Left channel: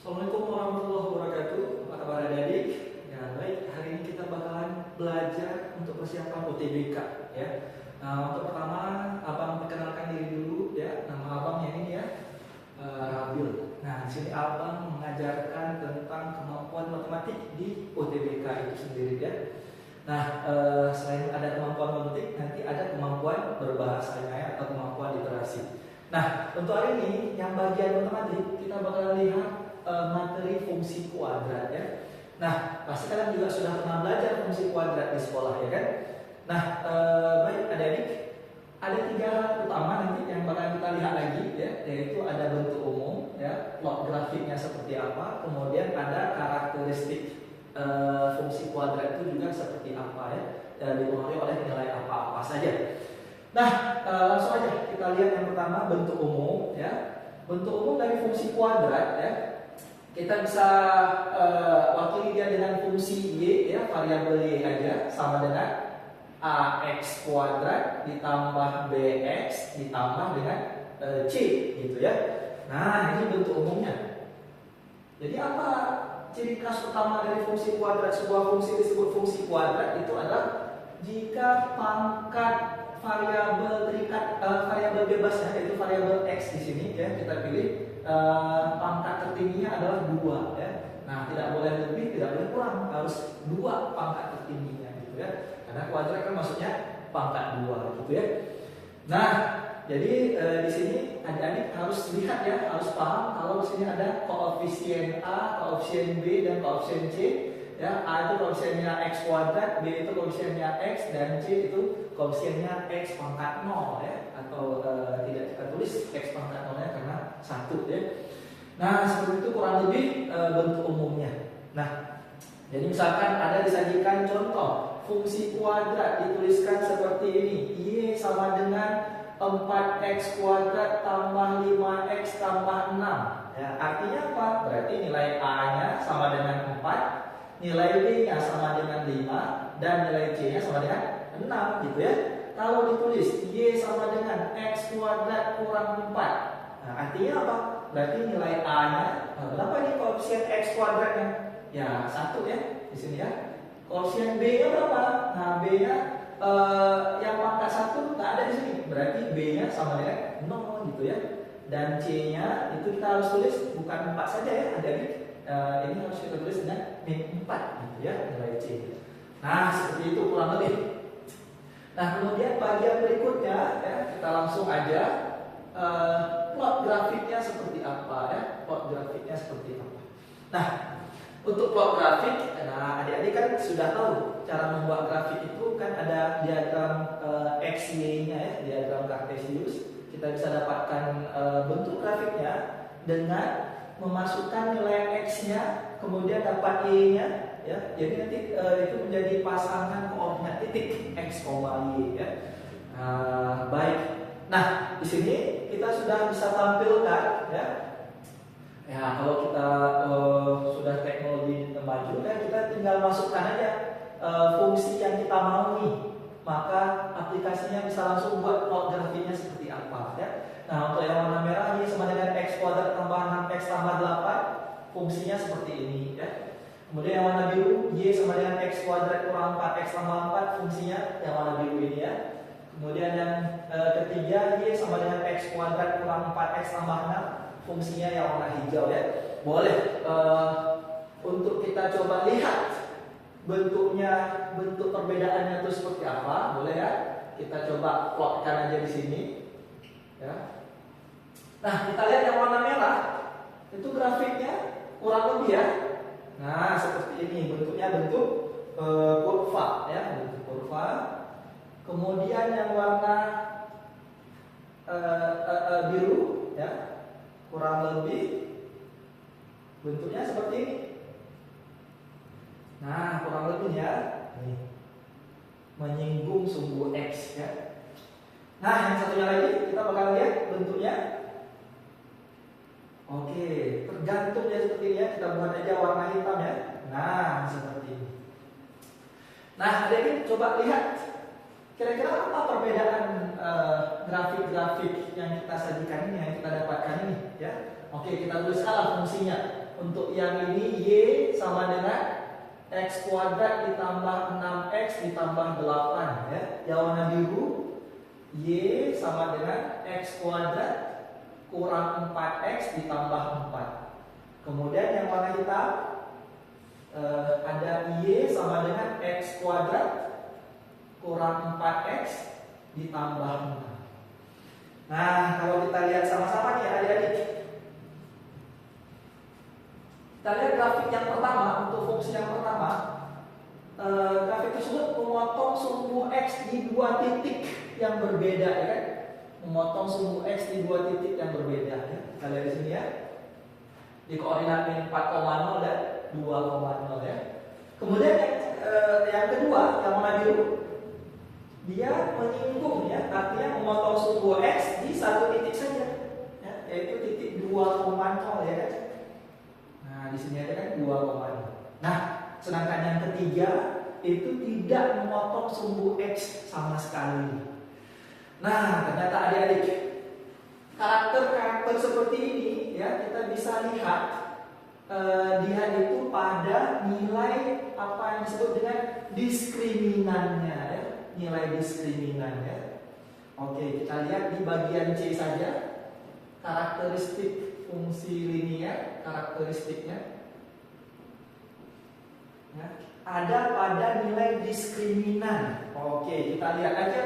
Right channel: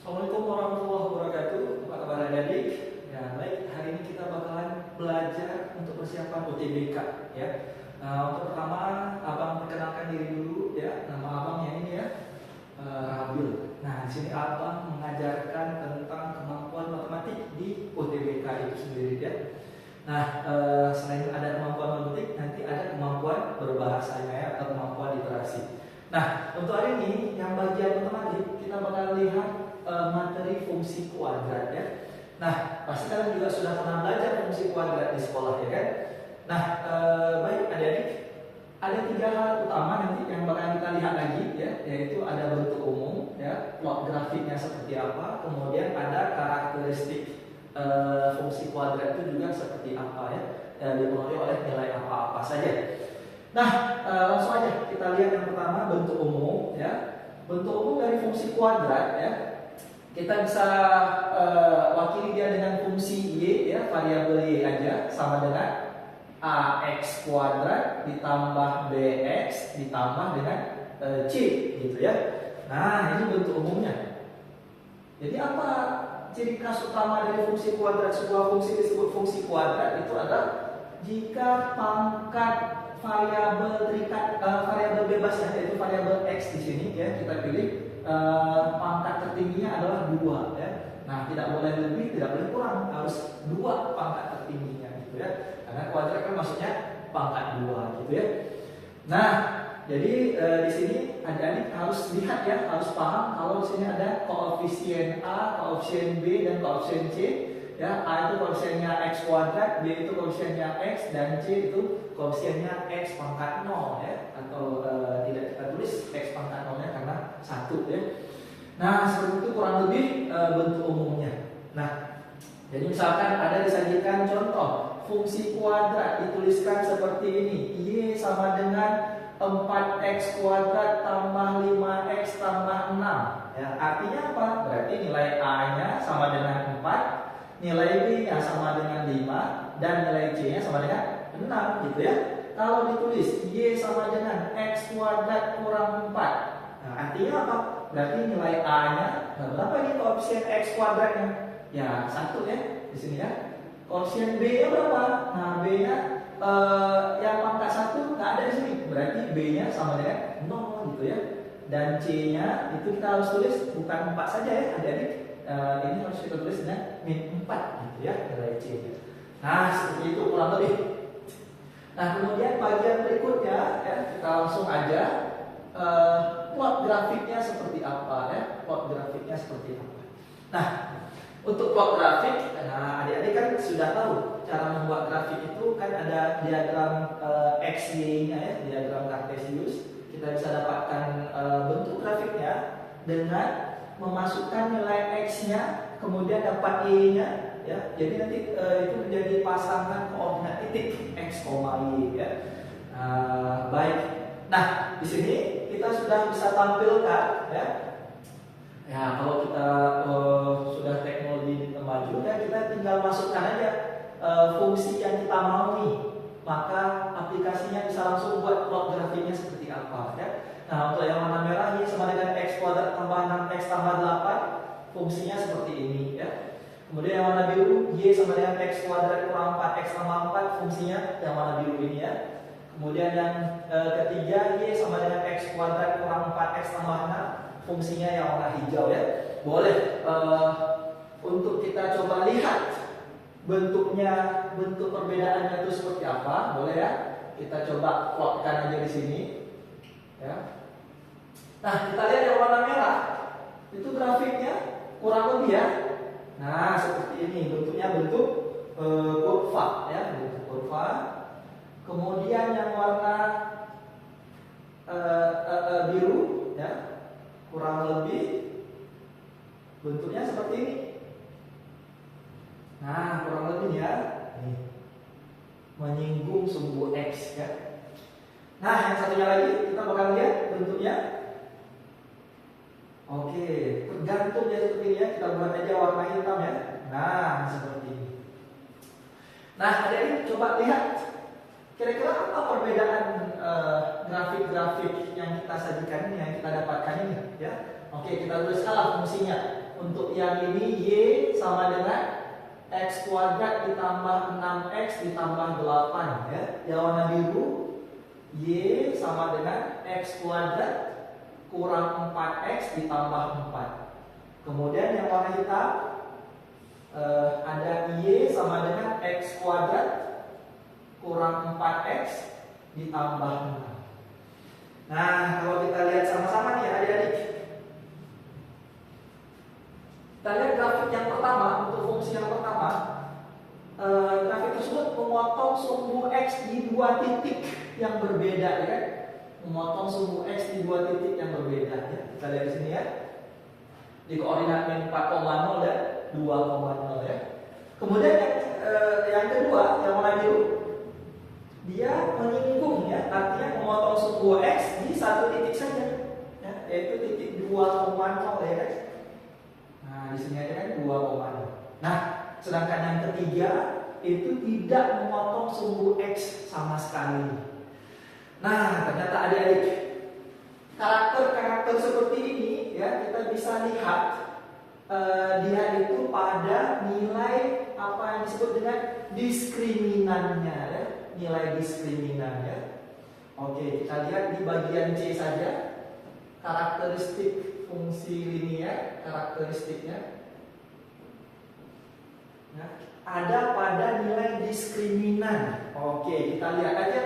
Assalamualaikum warahmatullahi wabarakatuh. Apa kabar adik-adik? Ya, baik. Hari ini kita bakalan belajar untuk persiapan UTBK ya. Untuk pertama, abang perkenalkan diri dulu ya. Nama abang yang ini ya, Rabil. Nah, di sini abang mengajarkan tentang kemampuan matematik di UTBK itu sendiri ya. Nah, selain ada kemampuan matematik, nanti ada kemampuan berbahasanya ya, atau kemampuan literasi. Nah, untuk hari ini yang bagian matematik kita bakal lihat materi fungsi kuadrat ya. Nah, pasti kalian juga sudah pernah belajar fungsi kuadrat di sekolah ya kan. Nah, baik adik-adik, ada 3 hal utama nanti yang bakal kita lihat lagi ya, yaitu ada bentuk umum ya, plot grafiknya seperti apa, kemudian ada karakteristik fungsi kuadrat itu juga seperti apa ya, dipengaruhi oleh nilai apa-apa saja. Nah, langsung aja kita lihat yang pertama, bentuk umum ya. Bentuk umum dari fungsi kuadrat ya, kita bisa wakili dia dengan fungsi y ya, variabel y aja, sama dengan ax kuadrat ditambah bx ditambah dengan c gitu ya. Nah, ini bentuk umumnya. Jadi apa ciri khas utama dari fungsi kuadrat? Sebuah fungsi disebut fungsi kuadrat itu adalah jika pangkat variabel terikat, variabel bebasnya yaitu variabel x di sini ya, kita pilih pangkat tertingginya adalah 2 ya. Nah, tidak boleh lebih, tidak boleh kurang, harus 2 pangkat tertingginya gitu ya. Karena kuadrat kan maksudnya pangkat 2 gitu ya. Nah, jadi di sini adik-adik harus lihat ya, harus paham kalau di sini ada koefisien A, koefisien B dan koefisien C. Ya, A itu koefisiennya x kuadrat, B itu koefisiennya x, dan C itu koefisiennya x pangkat 0 ya, atau tidak kita tulis x pangkat 0-nya karena 1 ya. Nah, seperti itu kurang lebih bentuk umumnya. Nah, jadi misalkan ada disajikan contoh fungsi kuadrat dituliskan seperti ini, y sama dengan 4x kuadrat tambah 5x tambah 6 ya, artinya apa? Berarti nilai A-nya sama dengan 4, nilai B-nya sama dengan 5, dan nilai C-nya sama dengan 6 gitu ya. Kalau ditulis y sama dengan x kuadrat kurang 4, nah artinya apa? Berarti nilai A-nya berapa nih koefisien x kuadratnya? Ya 1 ya di sini ya. Koefisien B-nya berapa? Nah, B-nya yang pangkat 1 nggak ada di sini. Berarti B-nya sama dengan 0 gitu ya. Dan C-nya itu kita harus tulis bukan 4 saja ya, adik-adik. Ini harus kita tulis dengan min 4 gitu ya, nilai C-nya. Nah, seperti itu kurang lebih. Nah, kemudian bagian berikutnya ya, kita langsung aja plot grafiknya seperti apa ya. Plot grafiknya seperti apa. Nah, untuk plot grafik, nah adik-adik kan sudah tahu cara membuat grafik itu kan ada diagram x, y-nya ya, diagram Cartesius. Kita bisa dapatkan bentuk grafiknya dengan memasukkan nilai x-nya, kemudian dapat y-nya ya. Jadi nanti itu menjadi pasangan koordinat titik x, y ya. Baik. Nah, di sini kita sudah bisa tampilkan ya. Ya, kalau kita sudah teknologi maju ya, kita tinggal masukkan aja fungsi yang kita mau nih, maka aplikasinya bisa langsung buat plot grafiknya seperti apa ya. Nah, untuk yang warna merah ini sama dengan x kuadrat tambah 6x tambah 8, fungsinya seperti ini ya. Kemudian yang warna biru y sama dengan x kuadrat kurang 4x tambah 4, fungsinya yang warna biru ini ya. Kemudian yang ketiga y sama dengan x kuadrat kurang 4x tambah 6, fungsinya yang warna hijau ya. Boleh untuk kita coba lihat bentuknya, bentuk perbedaannya itu seperti apa, boleh ya. Kita coba plotkan aja di sini ya. Nah, kita lihat yang warna merah itu grafiknya kurang lebih ya. Nah, seperti ini bentuknya, bentuk kurva ya, bentuk kurva. Kemudian yang warna biru ya, kurang lebih bentuknya seperti ini. Nah, kurang lebih ya, nih, menyinggung sumbu x ya. Nah, yang satunya lagi kita bakal lihat bentuknya. Oke, tergantung ya seperti ini ya. Kita buat aja warna hitam ya. Nah, seperti ini. Nah, adik-adik coba lihat kira-kira apa perbedaan grafik-grafik yang kita sajikan ini, yang kita dapatkan ini ya. Oke, kita tulis salah fungsinya. Untuk yang ini Y sama dengan X kuadrat ditambah 6X ditambah 8 ya. Yang warna biru Y sama dengan X kuadrat kurang 4X ditambah 4. Kemudian yang warna hitam ada Y sama dengan X kuadrat kurang 4X ditambah 6. Nah, kalau kita lihat sama-sama nih adik-adik, kita lihat grafik yang pertama. Untuk fungsi yang pertama, grafik tersebut memotong sumbu X di dua titik yang berbeda, ya kan? Memotong sumbu X di dua titik yang berbeda, ya. Kita lihat di sini ya, di koordinat min 4,0 dan 2,0 ya. Kemudian yang kedua, yang warna biru, dia menyinggung ya, artinya memotong sumbu X di satu titik saja, ya, yaitu titik 2,0 ya kan. Nah, di sini ada kan 2,0. Nah, sedangkan yang ketiga itu tidak memotong sumbu X sama sekali. Nah, ternyata adik-adik, karakter-karakter seperti ini ya kita bisa lihat dia itu pada nilai apa yang disebut dengan diskriminannya ya, nilai diskriminannya. Oke, kita lihat di bagian C saja, karakteristik fungsi linear, karakteristiknya. Nah, ada pada nilai diskriminan. Oke, kita lihat aja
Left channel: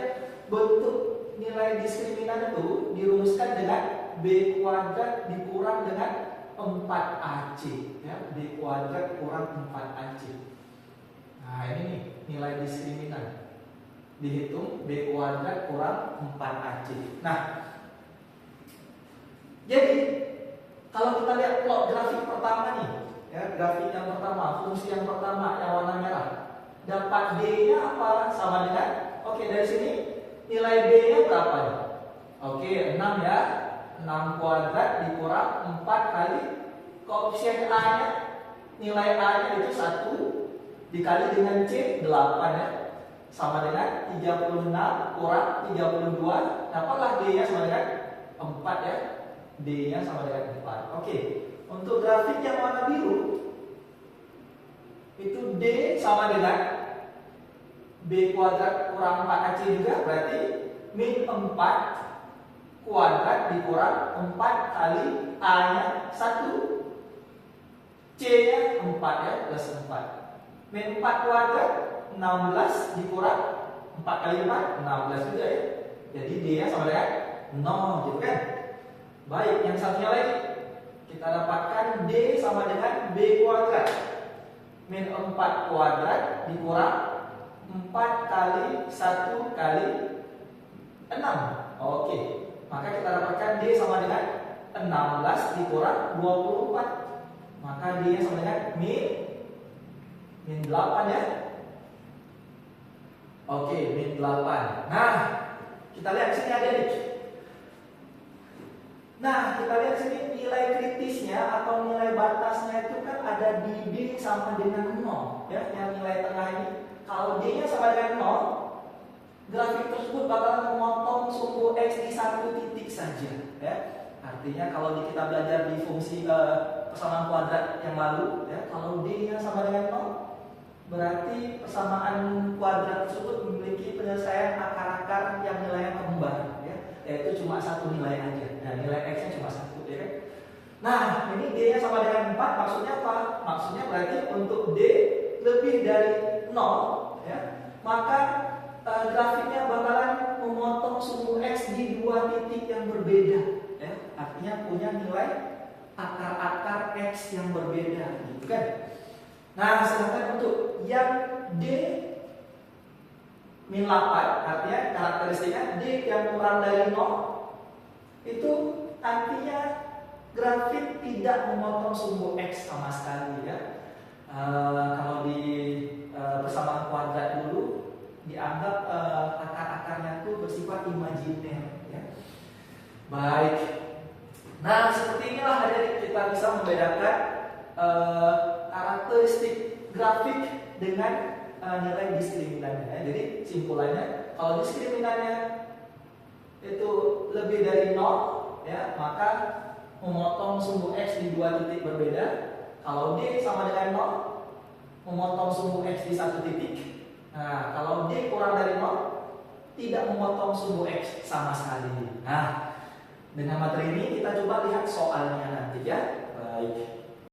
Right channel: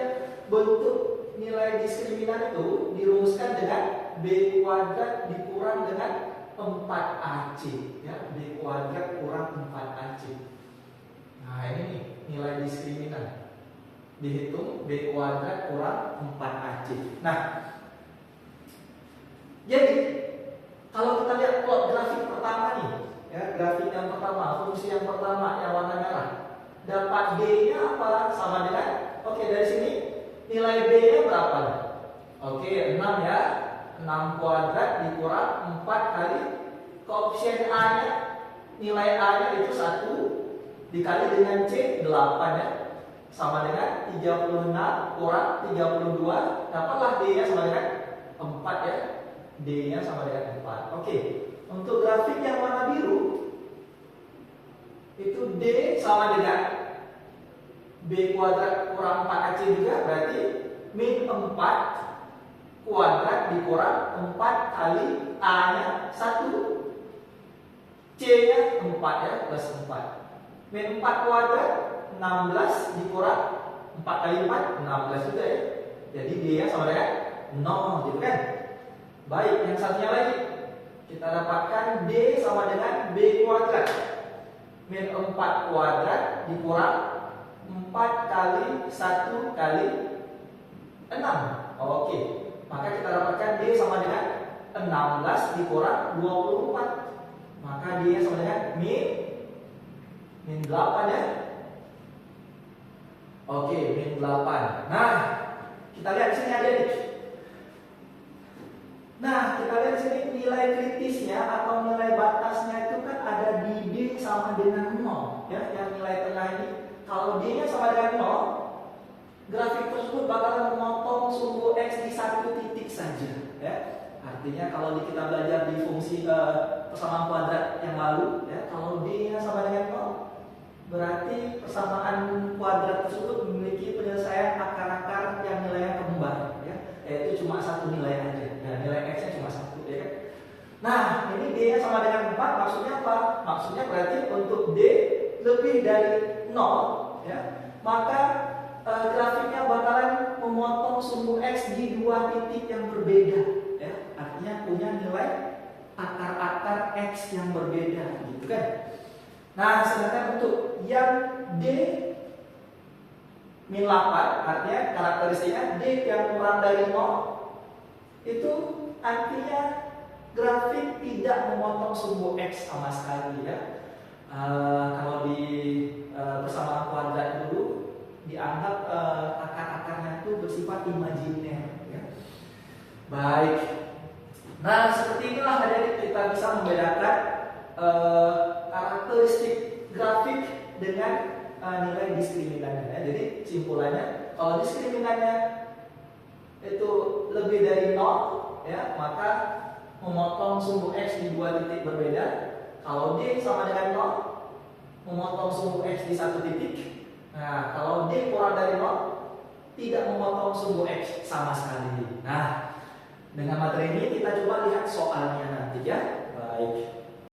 bentuk nilai diskriminan itu dirumuskan dengan B kuadrat dikurang dengan 4AC ya, B kuadrat kurang 4AC. Nah, ini nih nilai diskriminan. Dihitung B kuadrat kurang 4AC. Nah, jadi kalau kita lihat plot grafik pertama nih, ya, grafik yang pertama, fungsi yang pertama yang warna merah, dapat B-nya apa? Sama dengan, oke, dari sini nilai B-nya berapa? Oke, 6 ya. 6 kuadrat dikurang 4 kali koefisien A-nya, nilai A-nya itu 1 dikali dengan C 8 ya. Sama dengan 36 kurang 32, dapatlah D-nya sama dengan 4 ya. D-nya sama dengan 4. Oke, untuk grafik yang warna biru itu D sama dengan B kuadrat kurang 4AC juga, berarti min 4 kuadrat dikurang 4 kali A-nya 1, C-nya 4 ya, plus 4. Min 4 kuadrat 16 dikurang 4 kali 4, 16 juga ya. Jadi D-nya sama dengan 0 gitu kan. Baik, yang satunya lagi kita dapatkan D sama dengan B kuadrat min 4 kuadrat dikurang 4 kali 1 kali 6. Oke, maka kita dapatkan D sama dengan 16 dikurang 24. Maka D sama dengan min 8 ya. Oke, min 8. Nah, kita lihat di sini ada nih. Nah, kita lihat sini nilai kritisnya atau nilai batasnya itu kan ada di D sama dengan 0 ya, yang nilai tengah ini. Kalau D-nya sama dengan 0, grafik tersebut bakalan memotong sumbu X di satu titik saja ya. Artinya kalau kita belajar di fungsi persamaan kuadrat yang lalu ya, kalau D-nya sama dengan 0, berarti persamaan kuadrat tersebut memiliki penyelesaian akar-akar yang nilainya kembar ya, yaitu cuma satu nilai aja dan nilai X-nya cuma 1 ya kan. Nah, ini D-nya sama dengan 4, maksudnya apa? Maksudnya berarti untuk D lebih dari 0 ya, maka grafiknya bakalan memotong sumbu X di dua titik yang berbeda ya. Artinya punya nilai akar-akar X yang berbeda gitu kan. Nah, sedangkan untuk yang D min 8, artinya karakteristiknya D yang kurang dari 0, itu artinya grafik tidak memotong sumbu X sama sekali ya. Kalau di persamaan kuadrat dulu dianggap akar-akarnya itu bersifat imajiner ya. Baik. Nah, seperti inilah adik-adik kita bisa membedakan karakteristik grafik dengan nilai diskriminannya ya. Jadi simpulannya, kalau diskriminannya itu lebih dari 0 ya, maka memotong sumbu X di dua titik berbeda. Kalau D sama dengan 0, memotong sumbu X di satu titik. Nah, kalau D kurang dari 0, tidak memotong sumbu X sama sekali. Nah, dengan materi ini kita coba lihat soalnya nanti ya. Baik.